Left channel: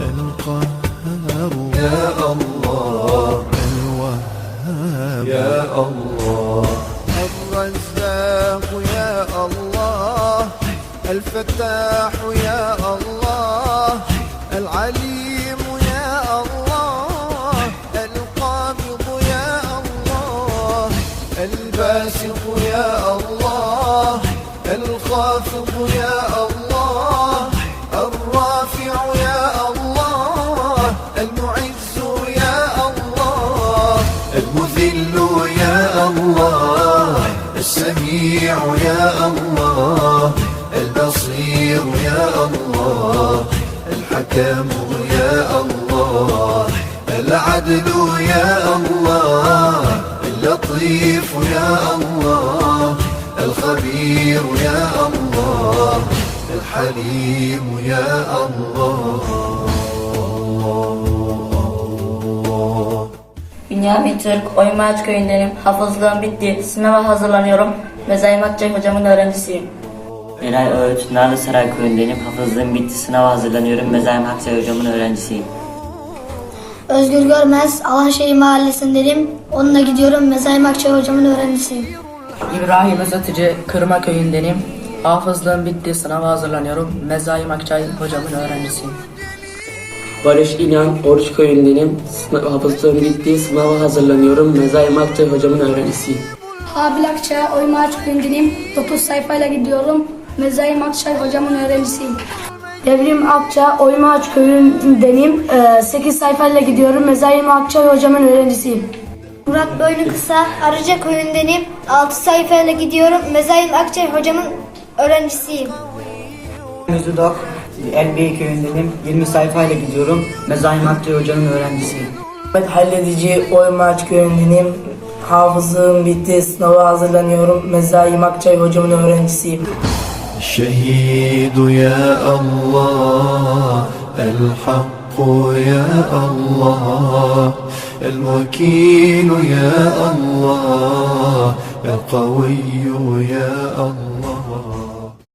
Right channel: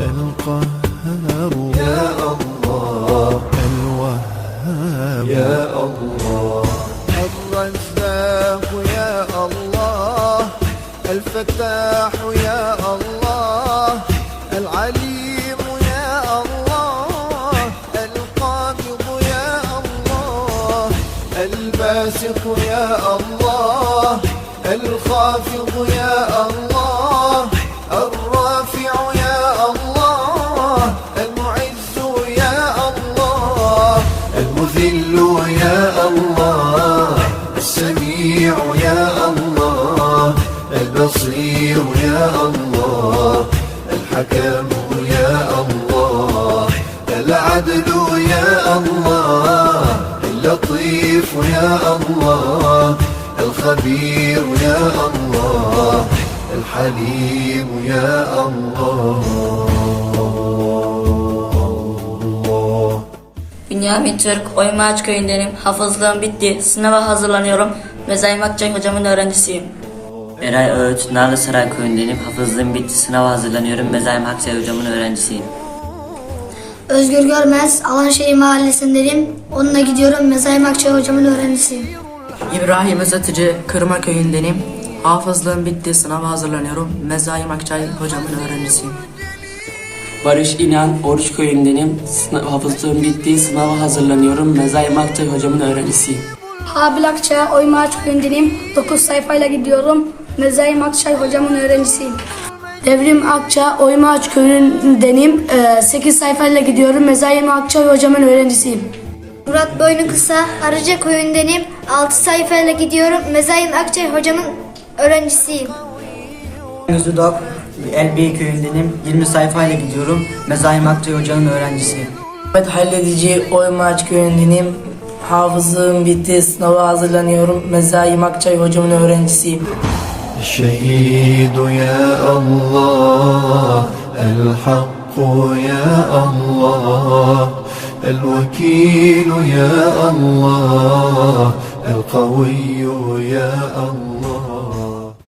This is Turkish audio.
القهار يا الله. الوهاب. يا الله. الرزاق يا الله. الفتاح يا الله. العليم يا الله. القابض يا الله. الباسط يا الله. الخافض يا الله البصير يا الله الحكم يا الله العدل يا الله اللطيف يا الله الخبير يا الله الحليم يا الله Bünyamin Türk, Oymaç köyündenim. Hafızlığım bitti. Sınava hazırlanıyorum. Mezayim Akçay hocamın öğrencisiyim. Eray Öğüt, Narlısaray köyündenim. Hafızlığım bitti, sınava hazırlanıyorum. Mezaim Haksay hocamın öğrencisiyim. Özgür Görmez, Alanşehir Mahallesi'ndeyim. Onunla gidiyorum. Mezaim Akçay hocamın öğrencisiyim. İbrahim Özatıcı Kırma köyündenim. Hafızlığım bitti, sınava hazırlanıyorum. Mezaim Akçay hocamın öğrencisiyim. Barış İnan, Oruç köyündenim. Sınav, hafızlığım bitti, sınava hazırlanıyorum. Mezaim Akçay hocamın öğrencisiyim. Habil Akçay, Oymaç köyündenim. 9 sayfayla gidiyorum. Mezaim Akçay hocamın öğrencisiyim. Devrim Akça, Oymaç köyündenim. 8 sayfayla gidiyorum. Mezaim Akçay hocamın öğrencisiyim. Murat Boynu Kısa, Arıca köyündenim. 6 sayfayla gidiyorum. Mezaim Akçay hocamın öğrencisiyim. Zudak, Elbey köyündenim. 20 sayfayla gidiyorum. Mezaim Akçay Hoca'nın öğrencisiyim. Evet halledici Oymaç köyündenim. Hafızlığım bitti, sınava hazırlanıyorum. Mezaim Akçay hocamın öğrencisiyim. الشهيد يا الله الحق يا الله الوكيل يا الله القوي يا الله.